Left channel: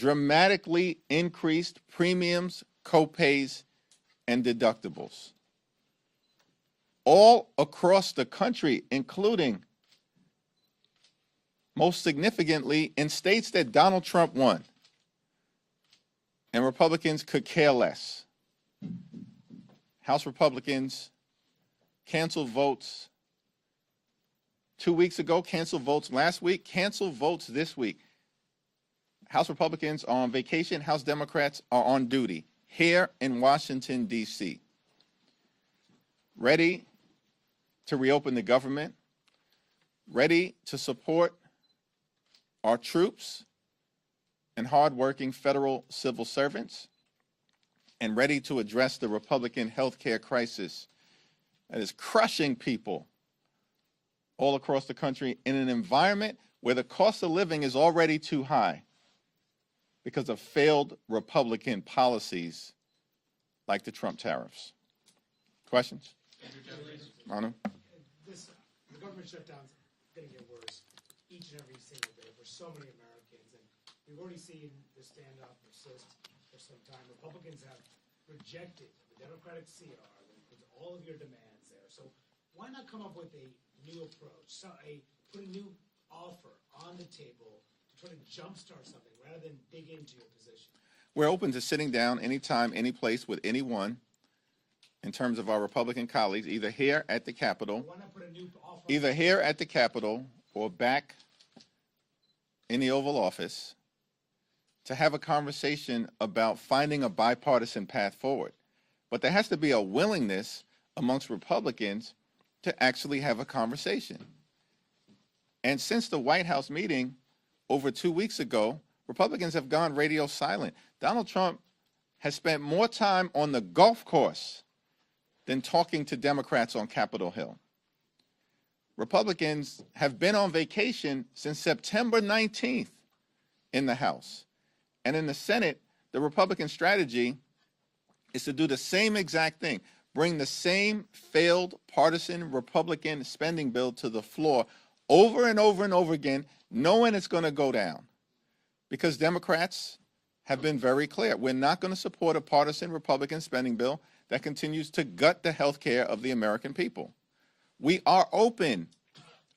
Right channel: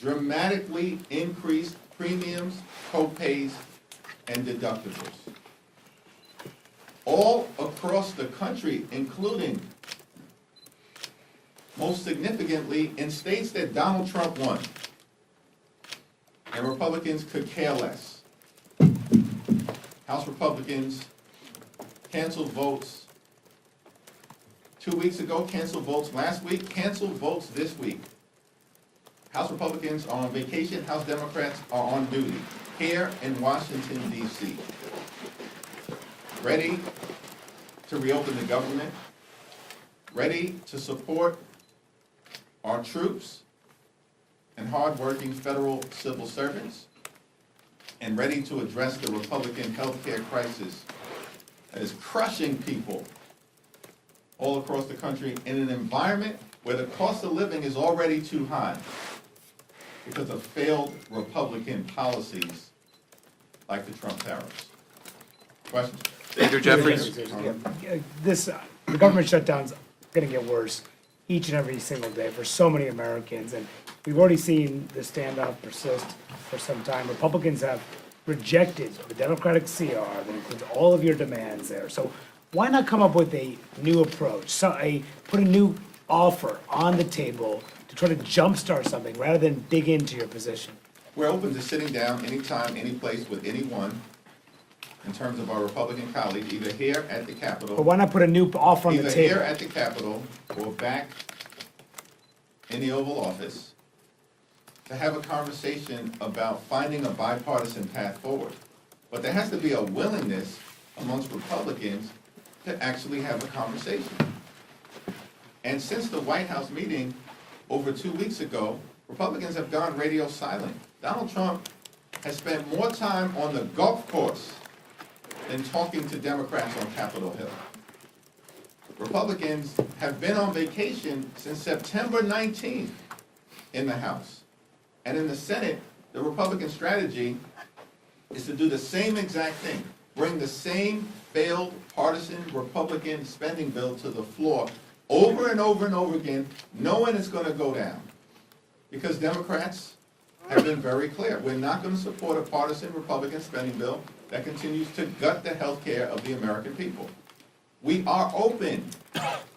dramatically increased premiums, co-pays, and deductibles. All across the country, including, most significantly, in states that Donald Trump won, and Republicans could care less. House Republicans canceled votes 2 weeks ago, canceled votes last week, canceled votes this week. House Republicans are on vacation, House Democrats are on duty here in Washington, D.C., ready to reopen the government, ready to support our troops and hardworking federal civil servants, and ready to address the Republican health care crisis that is crushing people all across the country in an environment where the cost of living is already too high because of failed Republican policies like the Trump tariffs. Questions? Leader Jeffries. The government shutdown's going to get worse each and every single day for so many Americans, and we've already seen the standoff persist for some time. Republicans have rejected the Democratic CR that includes all of your demands there. So why not come up with a new approach, put a new offer on the table to try to jumpstart something rather than dig into your position? We're open to sitting down anytime, any place with anyone in terms of our Republican colleagues, either here at the Capitol. But why not put a new offer on the Either table? here at the Capitol or back in the Oval Office to have a conversation about finding a bipartisan path forward. But there has to be a willingness amongst Republicans to actually have a conversation. And since the White House meeting over 2 weeks ago, Republicans have gone radio silent. Donald Trump has spent more time on the golf course than talking to Democrats on Capitol Hill. Republicans have been on vacation since September 19th in the House. And in the Senate, the Republican strategy is to do the same exact thing, bring the same failed partisan Republican spending bill to the floor over and over and over again, knowing it's going to go down. Because Democrats have been very clear. We're not going to support a partisan Republican spending bill that continues to gut the health care of the American people. We are open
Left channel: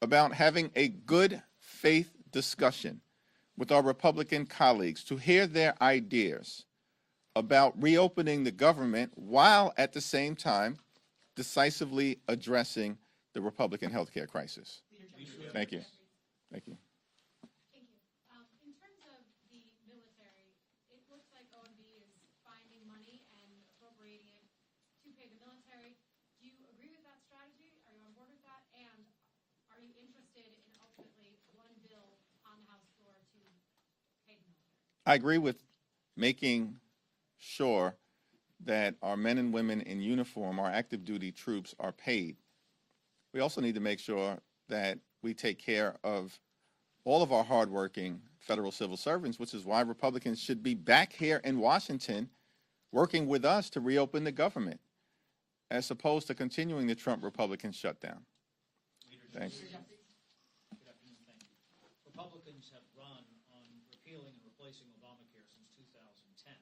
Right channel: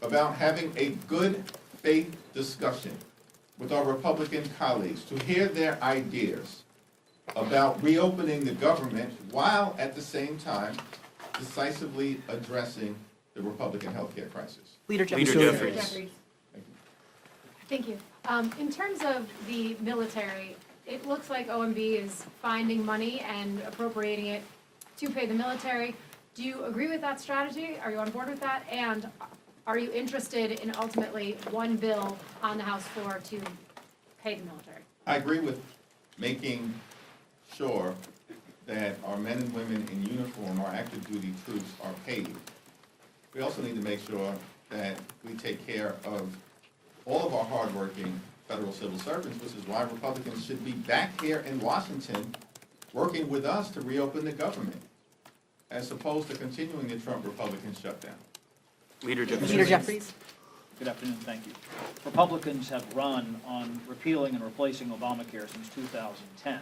about having a good faith discussion with our Republican colleagues to hear their ideas about reopening the government while at the same time decisively addressing the Republican health care crisis. Leader Jeffries. Thank you. Thank you. In terms of the military, it looks like OMB is finding money and appropriating it to pay the military. Do you agree with that strategy? Are you on board with that? And are you interested in ultimately one bill on the House floor to pay the military? I agree with making sure that our men and women in uniform, our active duty troops, are paid. We also need to make sure that we take care of all of our hardworking federal civil servants, which is why Republicans should be back here in Washington working with us to reopen the government, as opposed to continuing the Trump Republican shutdown. Leader Jeffries. Leader Jeffries. Good afternoon, thank you. Republicans have run on repealing and replacing Obamacare since 2010.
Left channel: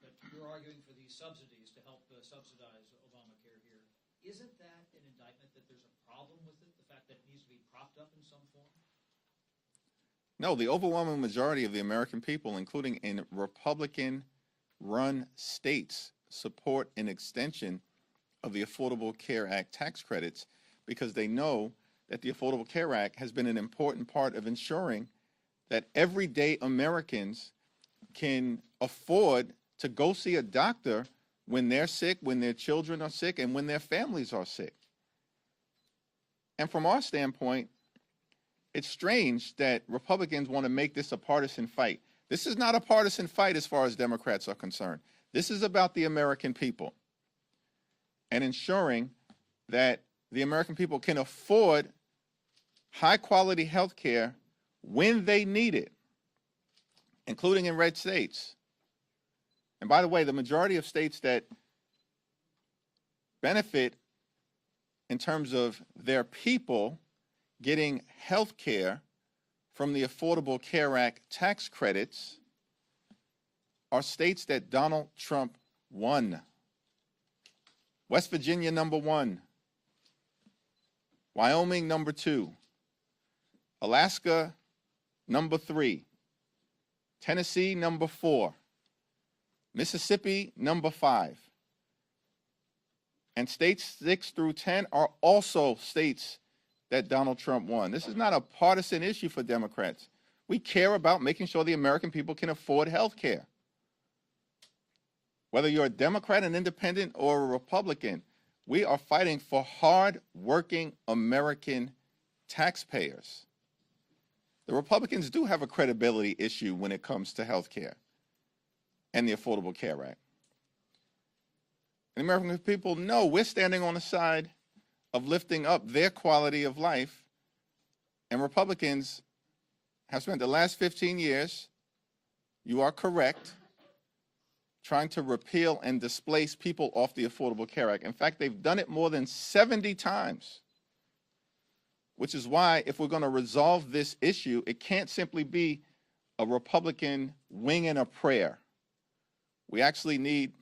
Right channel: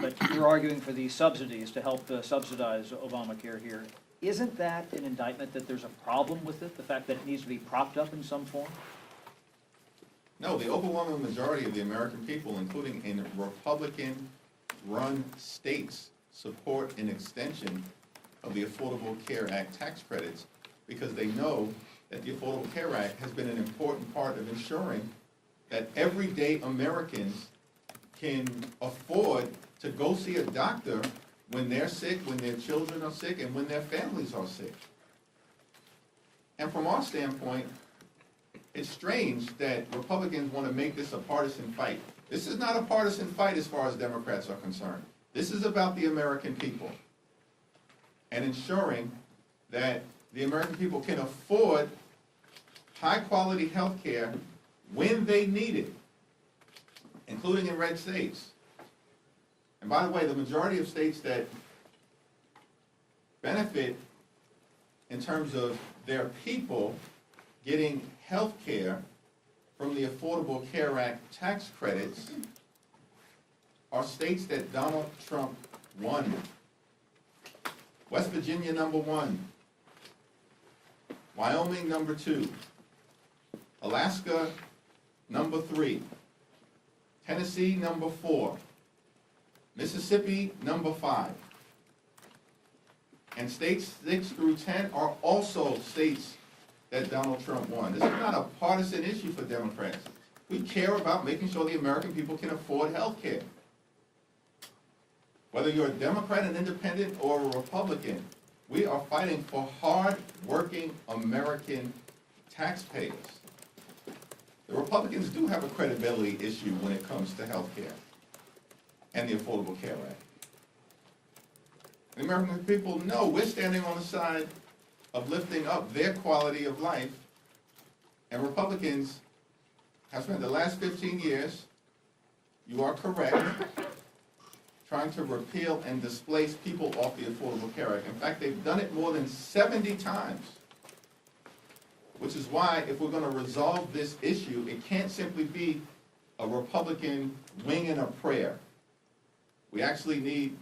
But you're arguing for these subsidies to help subsidize Obamacare here. Isn't that an indictment that there's a problem with it, the fact that it needs to be propped up in some form? No, the overwhelming majority of the American people, including in Republican-run states, support an extension of the Affordable Care Act tax credits because they know that the Affordable Care Act has been an important part of ensuring that everyday Americans can afford to go see a doctor when they're sick, when their children are sick, and when their families are sick. And from our standpoint, it's strange that Republicans want to make this a partisan fight. This is not a partisan fight as far as Democrats are concerned. This is about the American people and ensuring that the American people can afford high-quality health care when they need it, including in red states. And by the way, the majority of states that benefit in terms of their people getting health care from the Affordable Care Act tax credits are states that Donald Trump won. West Virginia, number 1. Wyoming, number 2. Alaska, number 3. Tennessee, number 4. Mississippi, number 5. And states 6 through 10 are also states that Donald Trump won. This is not a partisan issue for Democrats. We care about making sure the American people can afford health care. Whether you're a Democrat, an independent, or a Republican, we are fighting for hard-working American taxpayers. The Republicans do have a credibility issue when it comes to health care and the Affordable Care Act. The American people know we're standing on the side of lifting up their quality of life, and Republicans have spent the last 15 years, you are correct, trying to repeal and displace people off the Affordable Care Act. In fact, they've done it more than 70 times, which is why if we're going to resolve this issue, it can't simply be a Republican winging a prayer. We actually need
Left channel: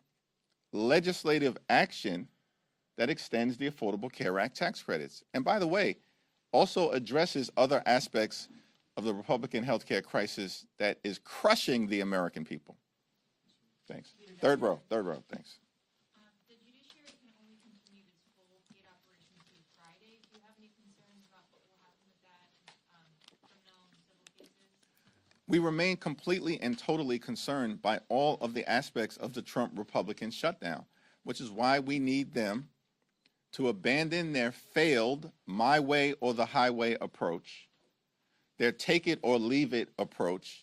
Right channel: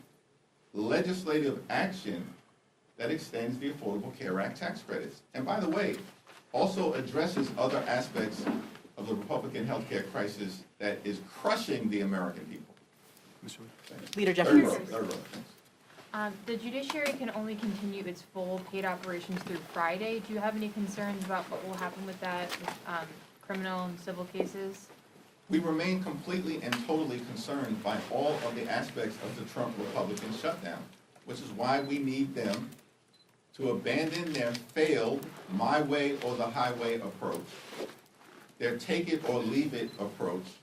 legislative action that extends the Affordable Care Act tax credits. And by the way, also addresses other aspects of the Republican health care crisis that is crushing the American people. Thanks. Leader Third Jeffries. row, thanks. The judiciary can only continue its full paid operations through Friday. Do you have any concerns about what will happen with that, with criminal and civil cases? We remain completely and totally concerned by all of the aspects of the Trump Republican shutdown, which is why we need them to abandon their failed my way or the highway approach, their take it or leave it approach,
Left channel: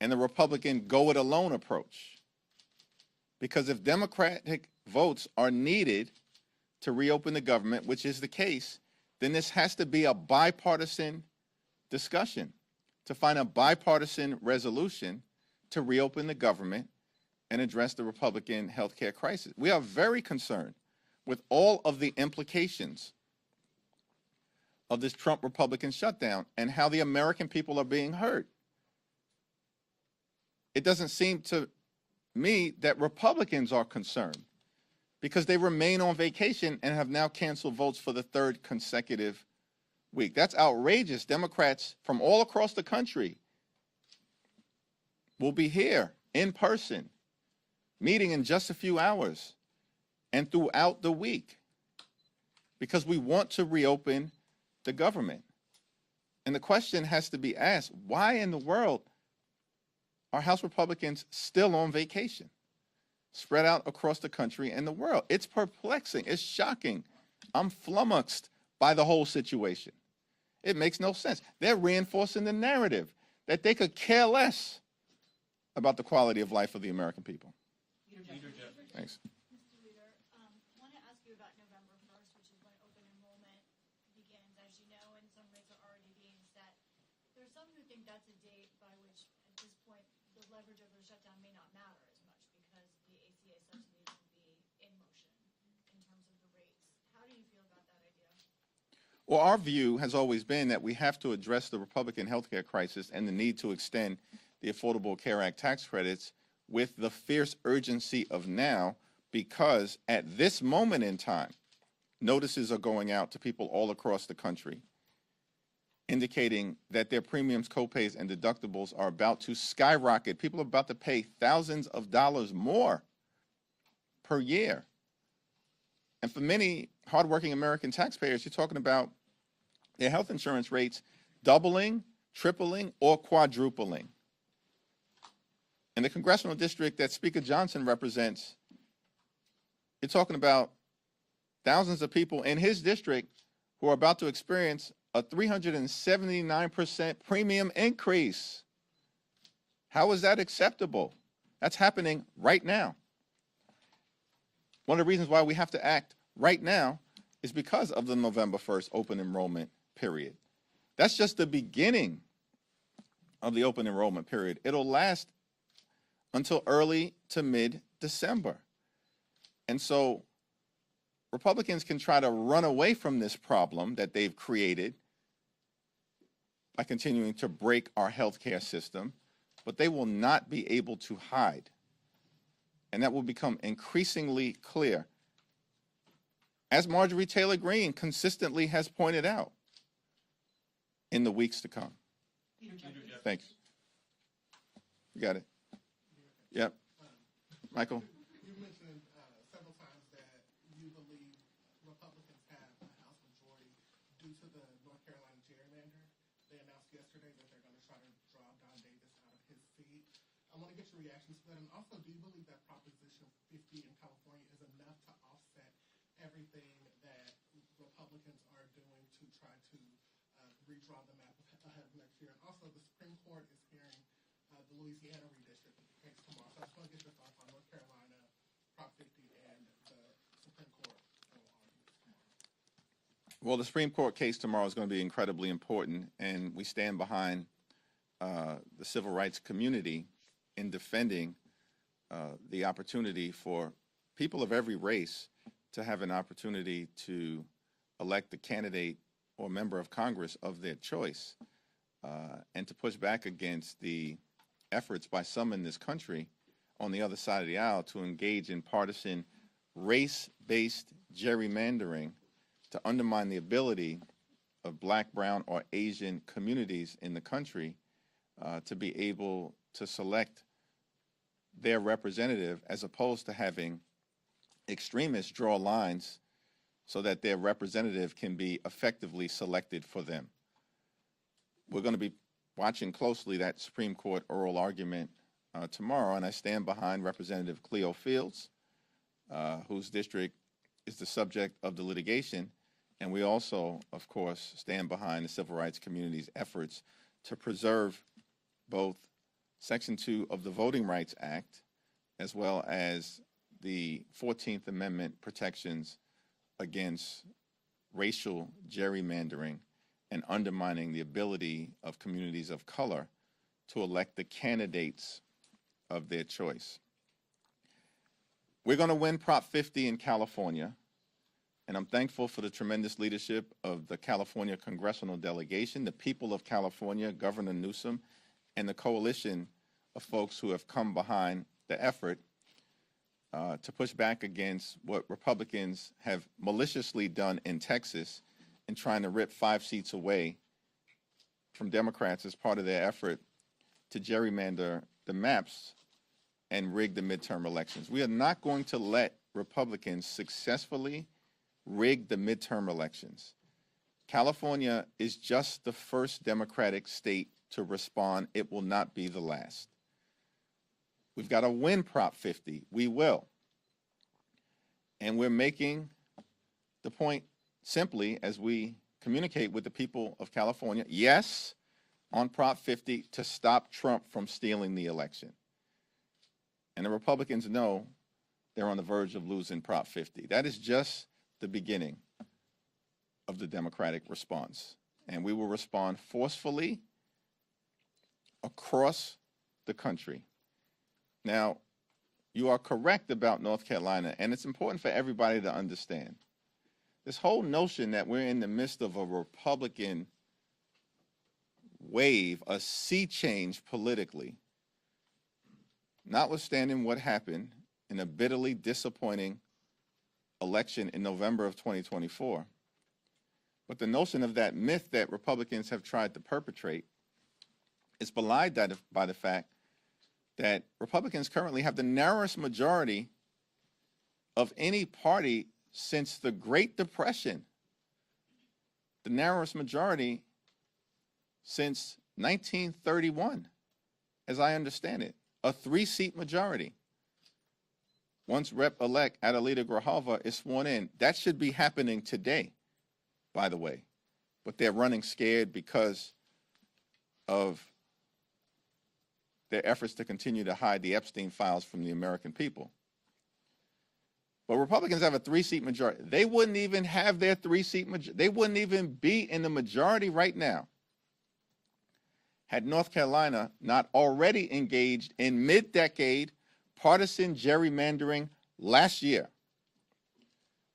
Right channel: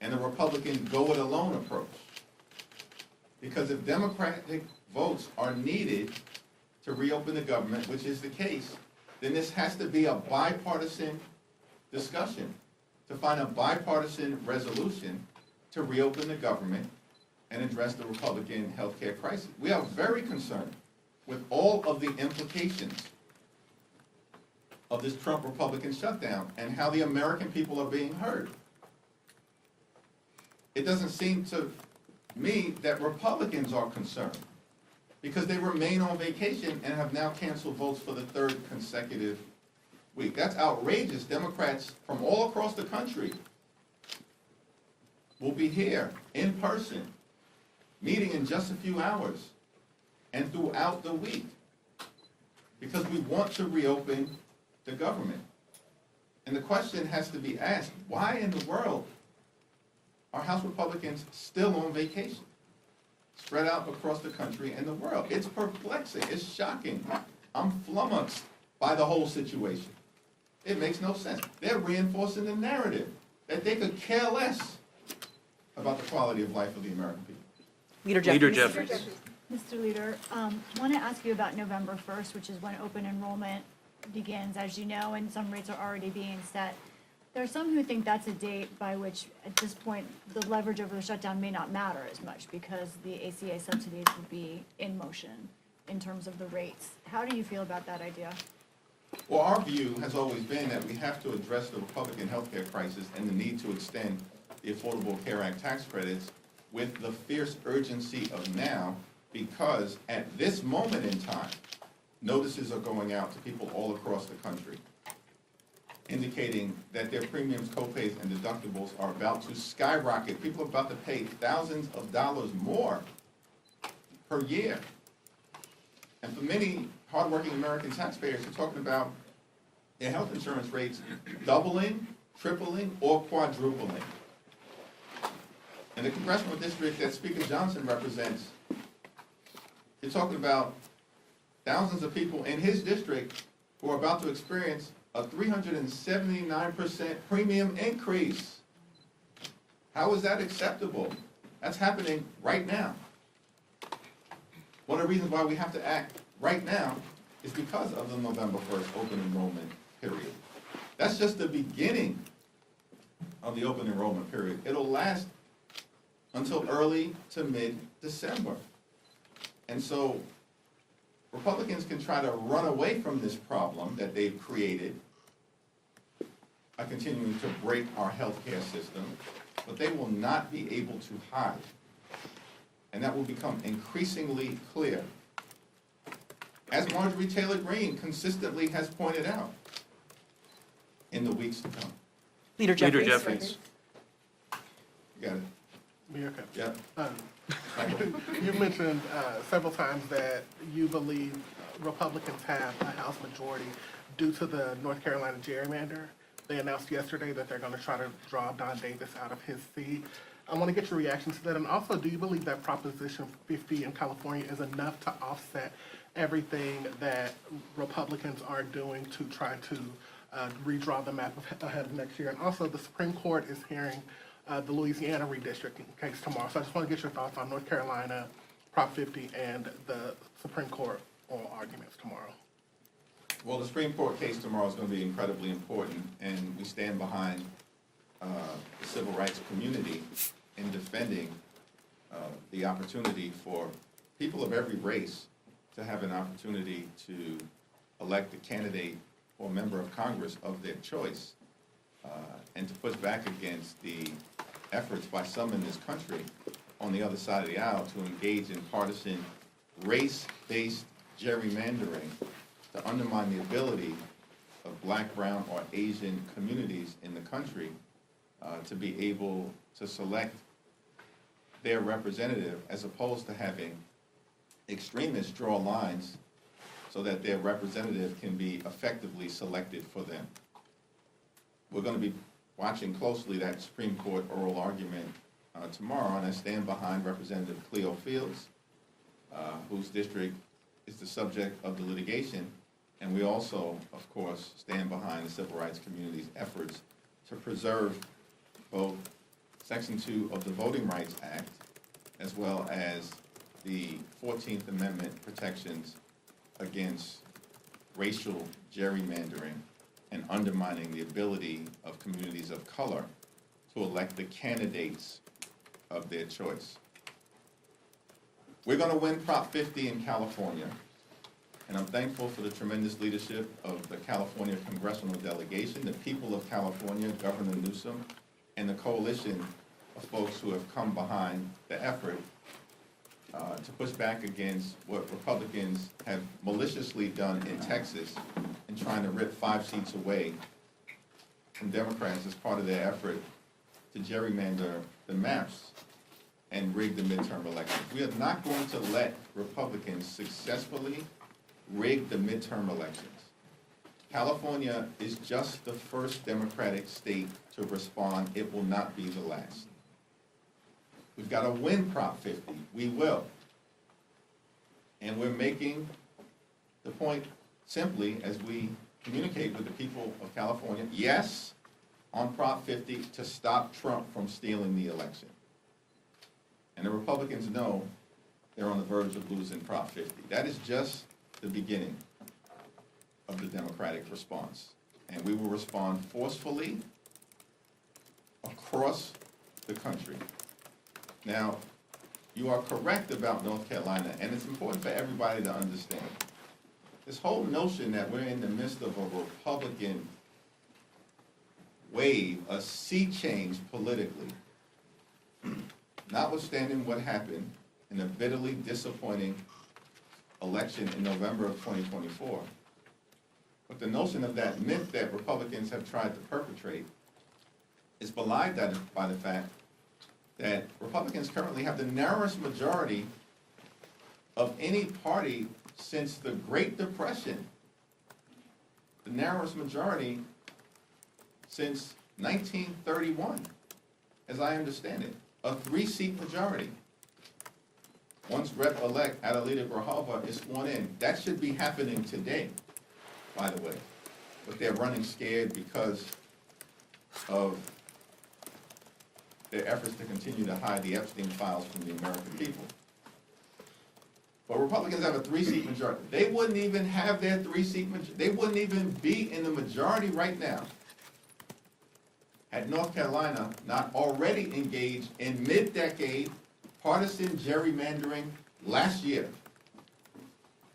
and the Republican go it alone approach. Because if Democratic votes are needed to reopen the government, which is the case, then this has to be a bipartisan discussion to find a bipartisan resolution to reopen the government and address the Republican health care crisis. We are very concerned with all of the implications of this Trump Republican shutdown and how the American people are being hurt. It doesn't seem to me that Republicans are concerned because they remain on vacation and have now canceled votes for the 3rd consecutive week. That's outrageous. Democrats from all across the country will be here in person, meeting in just a few hours and throughout the week because we want to reopen the government. And the question has to be asked, why in the world are House Republicans still on vacation, spread out across the country and the world? It's perplexing. It's shocking. I'm flummoxed by the whole situation. It makes no sense. They're reinforcing the narrative that they could care less about the quality of life of the American people. Leader Leader Jeffries. Jeffries. Mr. Leader, want to ask you about November 1st, which is when open enrollment begins, as you know, and some rates are already being set. There are some who think that's a date by which, at this point, the leverage over the shutdown may not matter as much because the ACA subsidies would be in motion in terms of the rates. How do you feel about that idea? Well, our view has always been that we have to address the Republican health care crisis and the need to extend the Affordable Care Act tax credits with the fierce urgency of now, because at this moment in time, notices are going out to people all across the country indicating that their premiums, copays, and deductibles are about to skyrocket. People are about to pay thousands of dollars more per year. And for many hardworking American taxpayers, you're talking about their health insurance rates doubling, tripling, or quadrupling. In the congressional district that Speaker Johnson represents, you're talking about thousands of people in his district who are about to experience a 379% premium increase. How is that acceptable? That's happening right now. One of the reasons why we have to act right now is because of the November 1st open enrollment period. That's just the beginning of the open enrollment period. It'll last until early to mid-December. And so Republicans can try to run away from this problem that they've created by continuing to break our health care system but they will not be able to hide. And that will become increasingly clear, as Marjorie Taylor Greene consistently has pointed out, in the weeks to come. Leader Leader Jeffries. Jeffries. You got it? Mayor Cox. Yep. Michael? You mentioned several times that you believe Republicans have a House majority due to the North Carolina gerrymander. They announced yesterday that they're going to try to draw Don Davis out of his seat. I want to get your reaction to that. And also, do you believe that Proposition 50 in California is enough to offset everything that Republicans are doing to try to redraw the map ahead of next year? And also, the Supreme Court is hearing the Louisiana redistricting case tomorrow. So I just want to get your thoughts on North Carolina, Prop 50, and the Supreme Court oral arguments tomorrow. Well, the Supreme Court case tomorrow is going to be incredibly important, and we stand behind the civil rights community in defending the opportunity for people of every race to have an opportunity to elect a candidate or member of Congress of their choice, and to push back against the efforts by some in this country on the other side of the aisle to engage in partisan, race-based gerrymandering to undermine the ability of Black, brown, or Asian communities in the country to be able to select their representative, as opposed to having extremists draw lines so that their representative can be effectively selected for them. We're going to be watching closely that Supreme Court oral argument tomorrow, and I stand behind Representative Cleo Fields, whose district is the subject of the litigation, and we also, of course, stand behind the civil rights community's efforts to preserve both Section 2 of the Voting Rights Act, as well as the 14th Amendment protections against racial gerrymandering and undermining the ability of communities of color to elect the candidates of their choice. We're going to win Prop 50 in California, and I'm thankful for the tremendous leadership of the California congressional delegation, the people of California, Governor Newsom, and the coalition of folks who have come behind the effort to push back against what Republicans have maliciously done in Texas in trying to rip 5 seats away from Democrats as part of their effort to gerrymander the maps and rig the midterm elections. We are not going to let Republicans successfully rig the midterm elections. California is just the first Democratic state to respond. It will not be the last. We've got to win Prop 50. We will. And we're making the point simply as we communicate with the people of California, yes, on Prop 50 to stop Trump from stealing the election. And the Republicans know they're on the verge of losing Prop 50. That is just the beginning of the Democratic response. And we will respond forcefully across the country. Now, you are correct about North Carolina, and it's important for everybody to understand. This whole notion that we're in the midst of a Republican wave, a sea change politically, notwithstanding what happened in a bitterly disappointing election in November of 2024, but the notion of that myth that Republicans have tried to perpetrate is belied by the fact that Republicans currently have the narrowest majority of any party since the Great Depression. The narrowest majority since 1931, as I understand it. A 3-seat majority. Once Rep-elect Adelita Grijalva is sworn in, that should be happening today, by the way. But they're running scared because of their efforts to continue to hide the Epstein files from the American people. But Republicans have a 3-seat majority. They wouldn't even have their 3-seat majority. They wouldn't even be in the majority right now had North Carolina not already engaged in mid-decade partisan gerrymandering last year.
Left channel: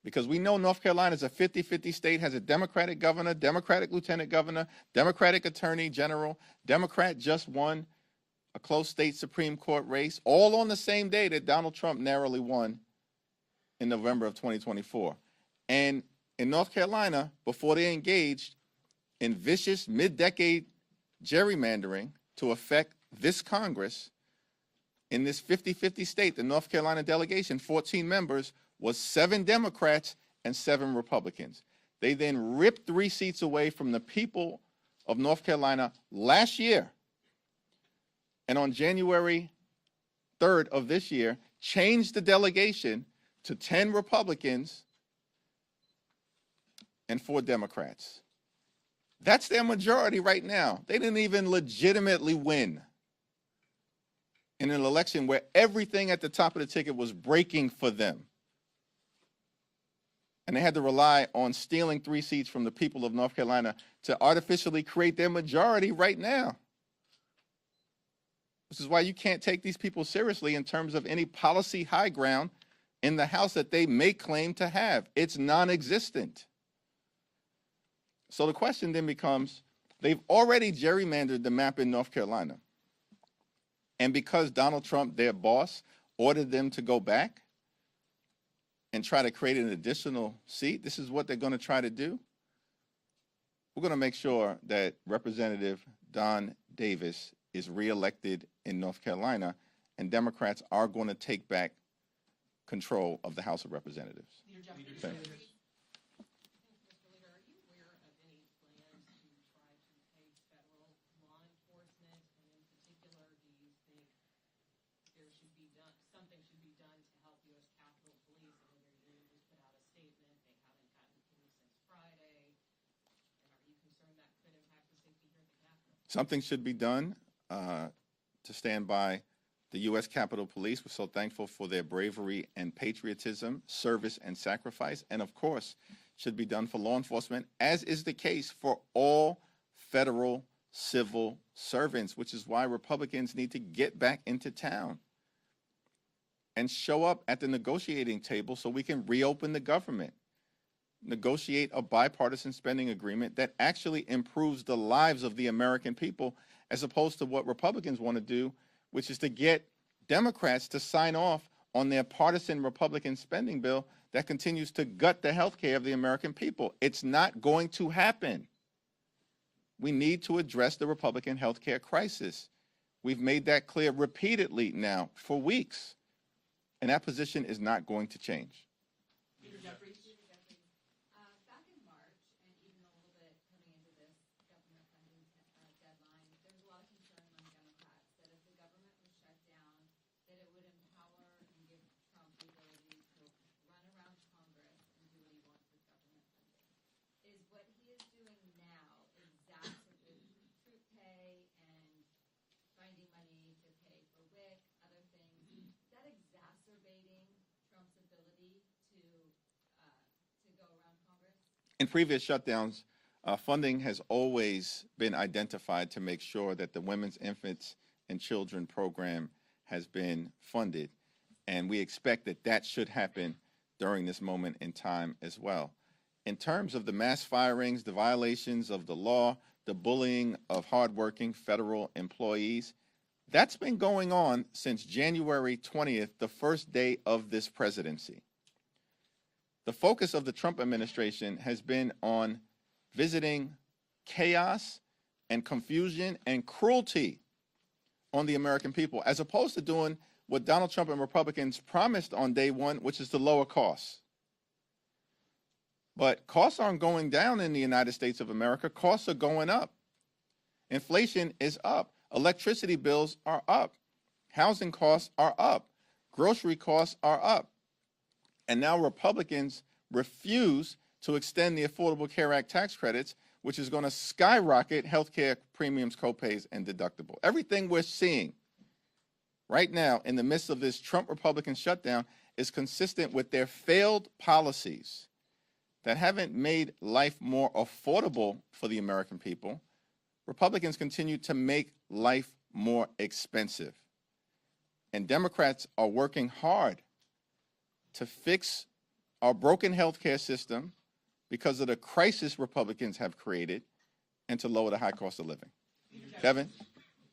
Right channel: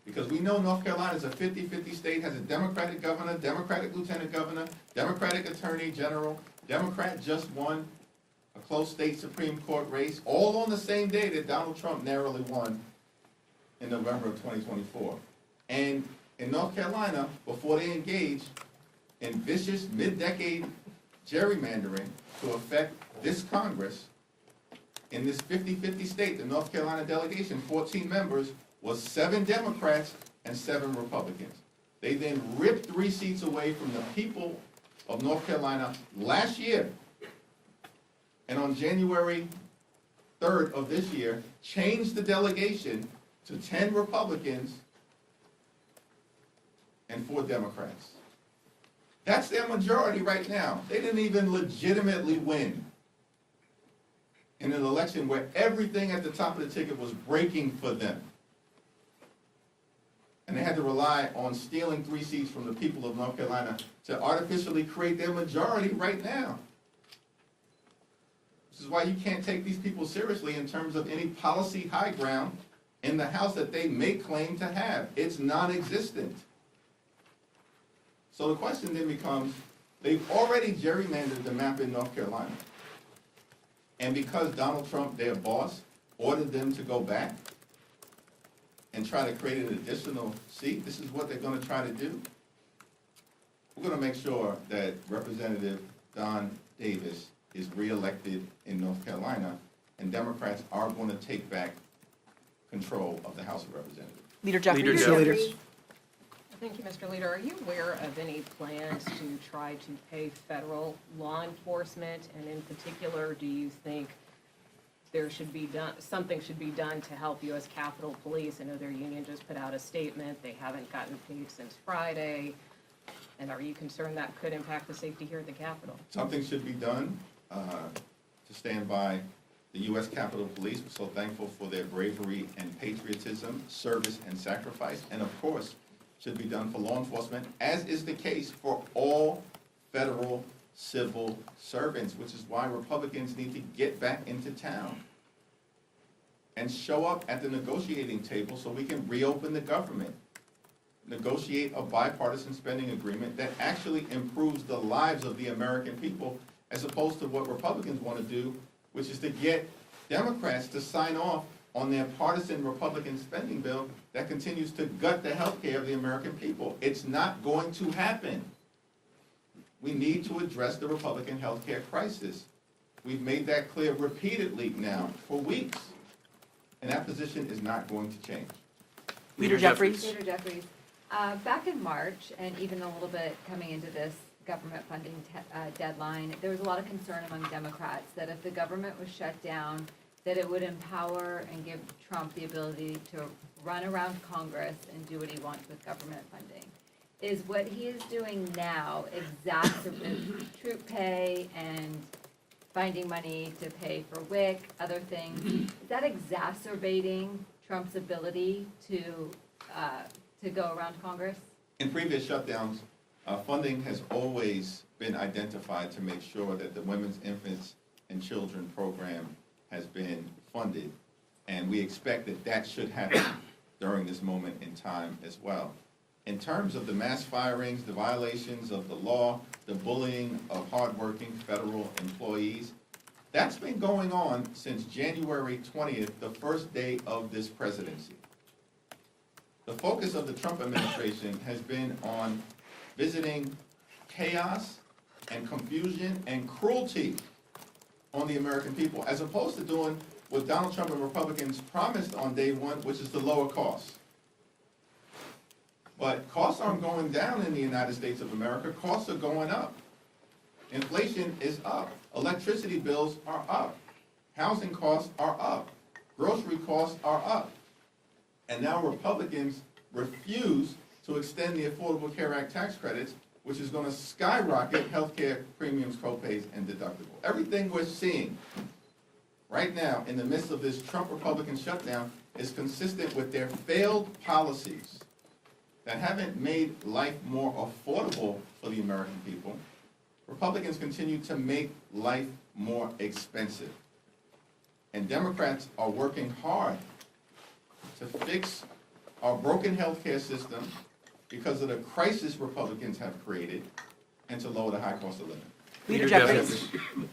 Because we know North Carolina is a 50-50 state, has a Democratic governor, Democratic lieutenant governor, Democratic attorney general, Democrat just won a close state Supreme Court race, all on the same day that Donald Trump narrowly won in November of 2024. And in North Carolina, before they engaged in vicious mid-decade gerrymandering to affect this Congress, in this 50-50 state, the North Carolina delegation, 14 members, was 7 Democrats and 7 Republicans. They then ripped 3 seats away from the people of North Carolina last year. And on January 3rd of this year, changed the delegation to 10 Republicans and 4 Democrats. That's their majority right now. They didn't even legitimately win in an election where everything at the top of the ticket was breaking for them. And they had to rely on stealing 3 seats from the people of North Carolina to artificially create their majority right now. This is why you can't take these people seriously in terms of any policy high ground in the House that they may claim to have. It's non-existent. So the question then becomes, they've already gerrymandered the map in North Carolina. And because Donald Trump, their boss, ordered them to go back and try to create an additional seat, this is what they're going to try to do. We're going to make sure that Representative Don Davis is reelected in North Carolina, and Democrats are going to take back control of the House of Representatives. Leader Jeffries. Leader Jeffries. Thank you, Mr. Leader. Are you aware of any plans to try to pay federal law enforcement? And in particular, do you think there should be something should be done to help U.S. Capitol Police? I know their union just put out a statement. They haven't gotten paid since Friday. And are you concerned that could impact the safety here at the Capitol? Something should be done to stand by the U.S. Capitol Police. We're so thankful for their bravery and patriotism, service and sacrifice, and of course, should be done for law enforcement, as is the case for all federal civil servants, which is why Republicans need to get back into town and show up at the negotiating table so we can reopen the government, negotiate a bipartisan spending agreement that actually improves the lives of the American people, as opposed to what Republicans want to do, which is to get Democrats to sign off on their partisan Republican spending bill that continues to gut the health care of the American people. It's not going to happen. We need to address the Republican health care crisis. We've made that clear repeatedly now for weeks, and that position is not going to change. Leader Jeffries. Leader Jeffries, back in March, and even a little bit coming into this government funding deadline, there was a lot of concern among Democrats that if the government was shut down, that it would empower and give Trump the ability to run around Congress and do what he wants with government funding. Is what he is doing now exacerbating troop pay and finding money to pay for WIC, other things? Is that exacerbating Trump's ability to go around Congress? In previous shutdowns, funding has always been identified to make sure that the Women's, Infants, and Children program has been funded, and we expect that that should happen during this moment in time as well. In terms of the mass firings, the violations of the law, the bullying of hardworking federal employees, that's been going on since January 20th, the first day of this presidency. The focus of the Trump administration has been on visiting chaos and confusion and cruelty on the American people, as opposed to doing what Donald Trump and Republicans promised on day one, which is to lower costs. But costs aren't going down in the United States of America. Costs are going up. Inflation is up. Electricity bills are up. Housing costs are up. Grocery costs are up. And now Republicans refuse to extend the Affordable Care Act tax credits, which is going to skyrocket health care premiums, copays, and deductible. Everything we're seeing right now in the midst of this Trump Republican shutdown is consistent with their failed policies that haven't made life more affordable for the American people. Republicans continue to make life more expensive. And Democrats are working hard to fix our broken health care system because of the crisis Republicans have created, and to lower the high cost of living. Leader Leader Jeffries. Jeffries.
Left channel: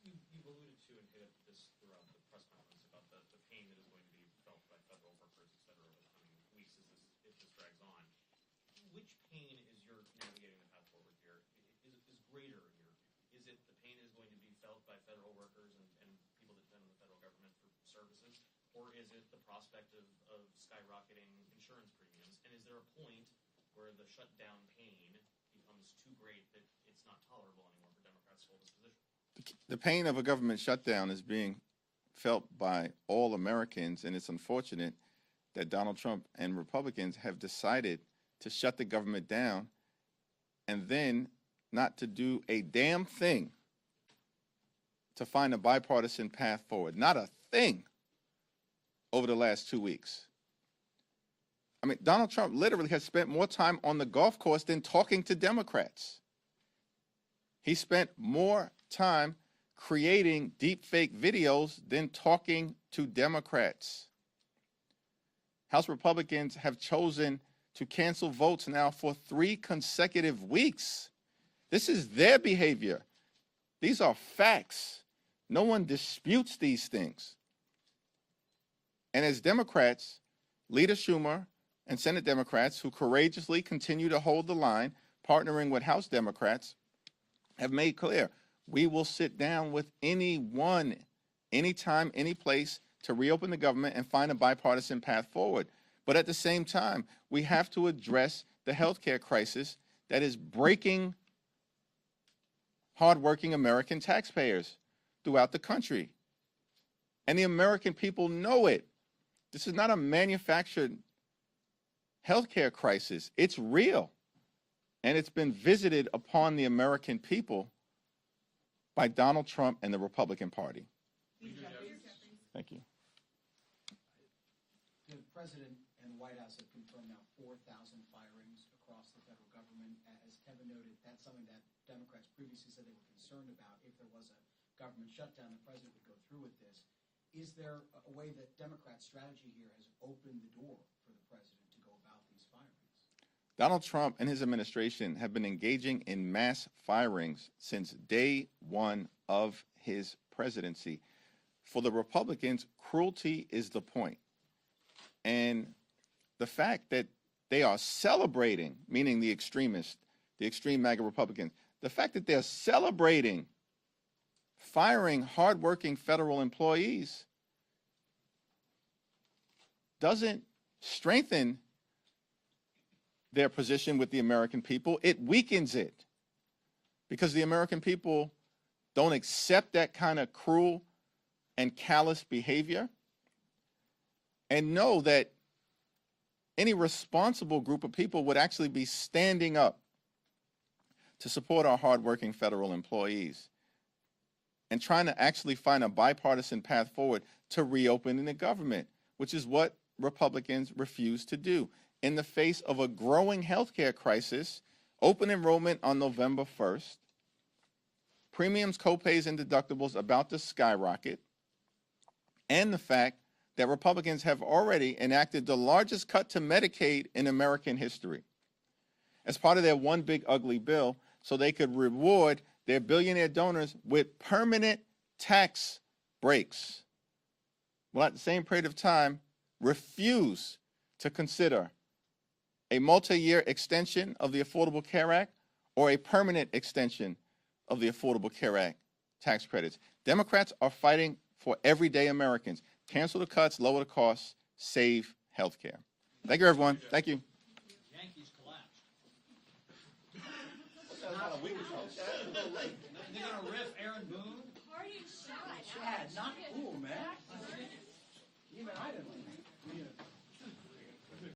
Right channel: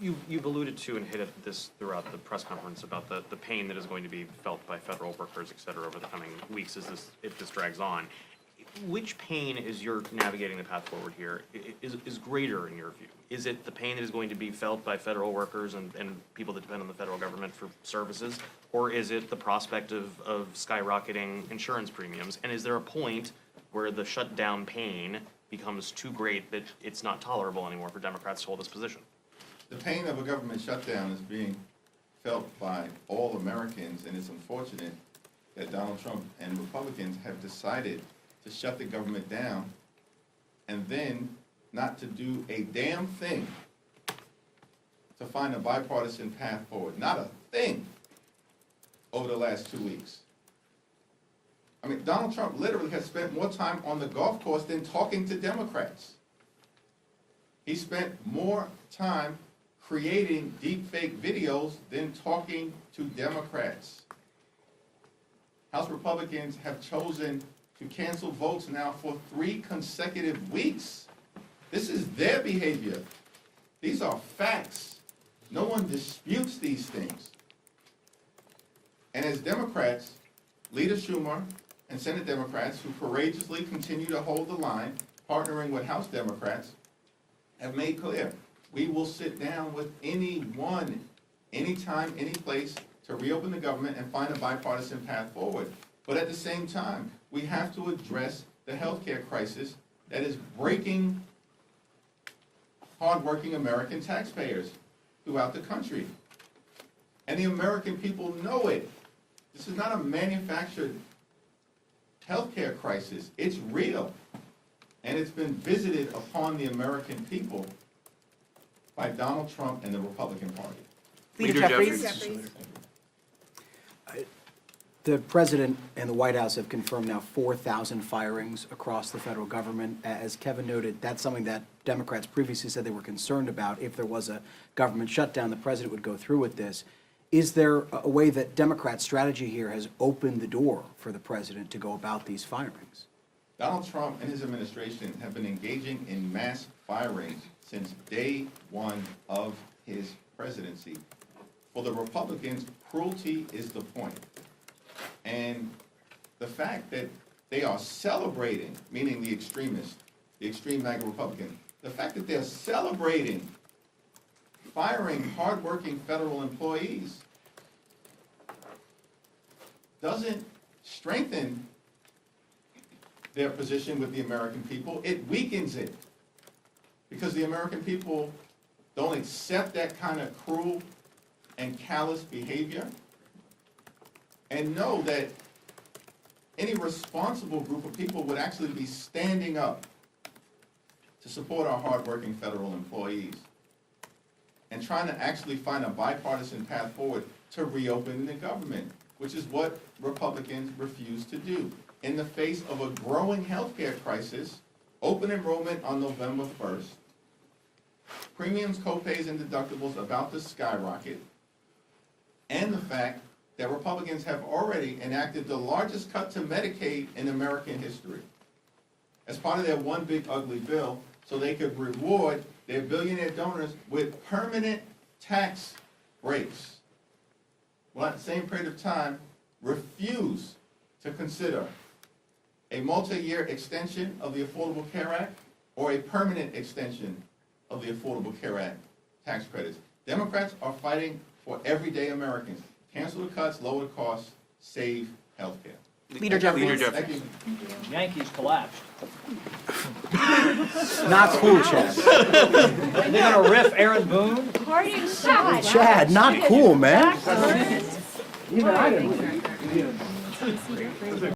You've alluded to and hit at this throughout the press conference about the pain that is going to be felt by federal workers, et cetera, over the coming weeks if this drags on. Which pain, as you're navigating the path forward here, is greater in your view? Is it the pain that is going to be felt by federal workers and people that depend on the federal government for services? Or is it the prospect of skyrocketing insurance premiums? And is there a point where the shutdown pain becomes too great that it's not tolerable anymore for Democrats to hold this position? The pain of a government shutdown is being felt by all Americans, and it's unfortunate that Donald Trump and Republicans have decided to shut the government down and then not to do a damn thing to find a bipartisan path forward. Not a thing over the last 2 weeks. I mean, Donald Trump literally has spent more time on the golf course than talking to Democrats. He spent more time creating deepfake videos than talking to Democrats. House Republicans have chosen to cancel votes now for 3 consecutive weeks. This is their behavior. These are facts. No one disputes these things. And as Democrats, Leader Schumer and Senate Democrats who courageously continue to hold the line, partnering with House Democrats, have made clear, we will sit down with anyone, anytime, any place to reopen the government and find a bipartisan path forward. But at the same time, we have to address the healthcare crisis that is breaking hardworking American taxpayers throughout the country. And the American people know it. This is not a manufactured healthcare crisis. It's real. And it's been visited upon the American people by Donald Trump and the Republican Party. Leader Jeffries. The President and the White House have confirmed now 4,000 firings across the federal government. As Kevin noted, that's something that Democrats previously said they were concerned about. If there was a government shutdown, the President would go through with this. Is there a way that Democrats' strategy here has opened the door for the President to go about these firings? Donald Trump and his administration have been engaging in mass firings since day one of his presidency. For the Republicans, cruelty is the point. And the fact that they are celebrating, meaning the extremists, the extreme MAGA Republicans, the fact that they're celebrating firing hardworking federal employees doesn't strengthen their position with the American people. It weakens it, because the American people don't accept that kind of cruel and callous behavior, and know that any responsible group of people would actually be standing up to support our hardworking federal employees and trying to actually find a bipartisan path forward to reopening the government, which is what Republicans refuse to do. In the face of a growing healthcare crisis, open enrollment on November 1st, premiums, copays, and deductibles about to skyrocket, and the fact that Republicans have already enacted the largest cut to Medicaid in American history as part of their one big ugly bill, so they could reward their billionaire donors with permanent tax breaks. Well, at the same period of time, refuse to consider a multi-year extension of the Affordable Care Act or a permanent extension of the Affordable Care Act tax credits. Democrats are fighting for everyday Americans. Cancel the cuts, lower the costs, save health care. Leader Jeffries. Thank you. Yankees collapsed. Not cool, Chad. Are they gonna riff Aaron Boone? Party shot. Chad, not cool, man. Even I didn't.